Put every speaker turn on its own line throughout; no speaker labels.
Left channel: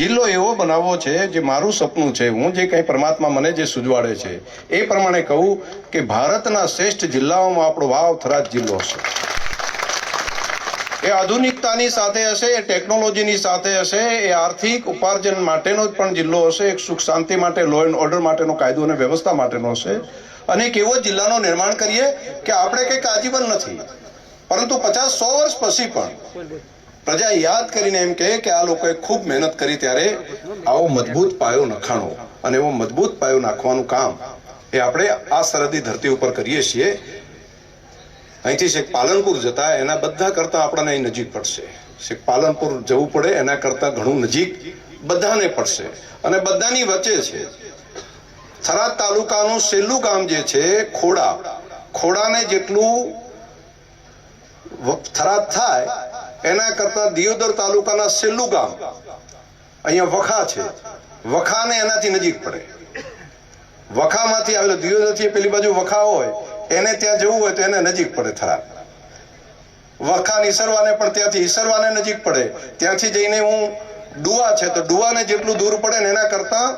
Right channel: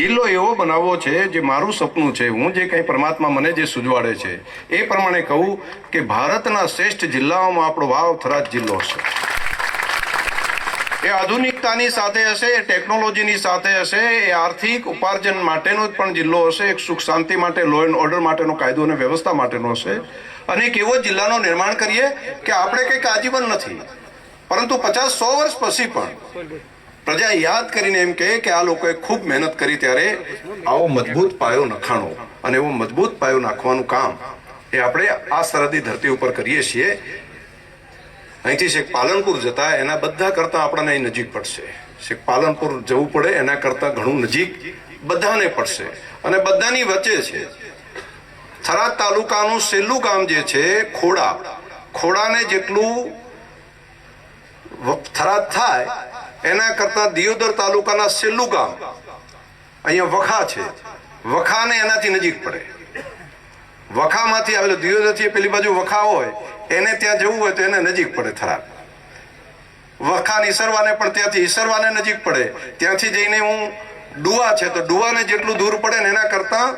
કિલ્લો એવો બનાવવો છે જે મારું સપનું છે હું જે કંઈ પરમાત્મા મને જે સુજવાડે છે એ પ્રમાણે કહું કે ભારતના શ્રેષ્ઠ જિલ્લાઓમાં આપણો વાવ થરાદ જિલ્લો હશે એ આધુનિકતાની સાથે હશે એ ટેકનોલોજીની સાથે હશે એ આર્થિક ઉપાર્જન માટેનો જ પણ જિલ્લો હશે એક સુખ શાંતિ માટે લો એન્ડ ઓર્ડર માટેનો કાયદો અને વ્યવસ્થા માટેનો હશે અને એક એવો જિલ્લાનો નિર્માણ કરીએ કે આપણે કંઈક આજીવન નથી પરંતુ પચાસ સો વર્ષ પછી પણ પ્રજા યાદ કરીને એમ કહે કે આ લોકોએ ખૂબ મહેનત કરી ત્યારે આવો મજબૂત પાયો નખાણો અને એવો મજબૂત પાયો નાખવાનું કામ એ આપણે આ સરહદી ધરતી ઉપર કરીએ છીએ અહીંથી શેખ પાલનપુર જતા એના બધા કરતાં આપણને અહીં નજીક પડશે શેખ પાલનપુર જવું પડે એના કરતાં ઘણું નજીક બધાને પડશે અને બધાની વચ્ચે છે થરાદ તાલુકાનું છેલ્લું ગામ જે છે ખોડા ખોડાને જેટલું થરાદ થાય એના કરતાં દિયોદર તાલુકાના છેલ્લું ગામ અહીંયા વખા છે વખાને એનાથી નજીક પડે વખામાંથી આવેલો દિયોદરથી પેલી બાજુ વખા હોય એને ત્યાં જવું હોય તો એને નજીક પડે થરાદ વખાન ઈસરવાને પણ ત્યાંથી ઈસરવાને નજીક પડે ત્યાંથી જઈને હું ડુવા છે તો ડુવાને જેટલું દૂર પડે ને એના કરતાં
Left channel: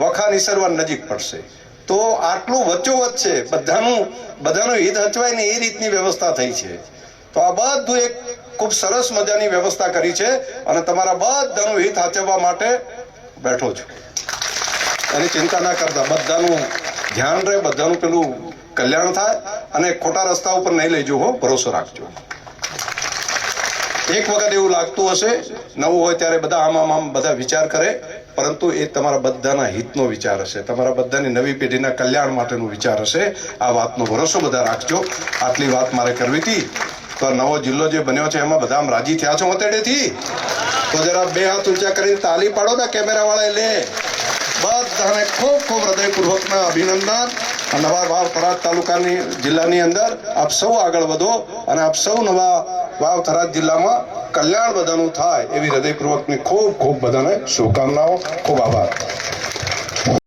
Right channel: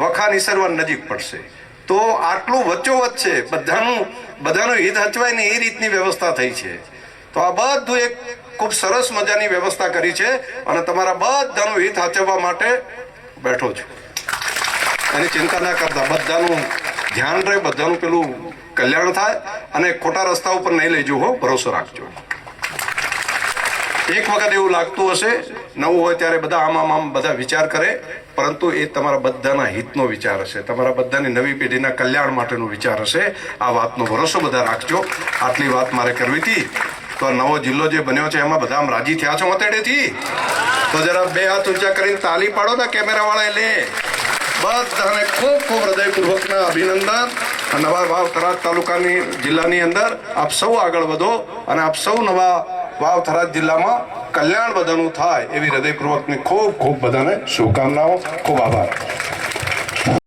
વખાન ઈસરવાને નજીક પડશે તો આટલું વચ્ચોવચ્ચ છે બધાનું બધાનું હિત હચવાય ને એ રીતની વ્યવસ્થા થઈ છે તો આ બધું એક ખૂબ સરસ મજાની વ્યવસ્થા કરી છે અને તમારા બધાનું હિત સાચવવા માટે બેઠો છું એની ચિંતા ના કરતા બધાનું ધ્યાન રહે બધાનું પેલું કલ્યાણ થાય અને ખોટા રસ્તા ઉપર નહીં લેજો હો ભરોસો રાખજો એક વખત એવું લાગતું હશે નવું હોય ત્યારે બધા આમ આમ આમ બધા વિચાર કરે પરંતુ એ તમારા બધાના હિતનો વિચાર હશે તમારા બધાની નવી પેઢીના કલ્યાણ માટેનો વિચાર હશે આ વાતનો ભરોસો બધા રાખજો આટલી વાત મારે કરવી હતી તો નવો જિલ્લો જે બન્યો છે એમાં બધા રાજી થયા છો મતેડેથી તો જરા બે હાથ ઊંચા કરીને તાલી પાડો ને કેમેરાવાળા લે બધાને ખૂબ ખૂબ હૃદયપૂર્વકના અભિનંદન અને નવા વાવ થરાદ તાલુકાની જિલ્લાની અંદર આપ સૌ આગળ વધો અને આપ સૌ નવા વાવ થરાદ જિલ્લામાં કલ્યાણ બધાનું થાય એવી હૃદયપૂર્વકની ખૂબ ખૂબ બધાને શુભકામનાઓ ખૂબ આભાર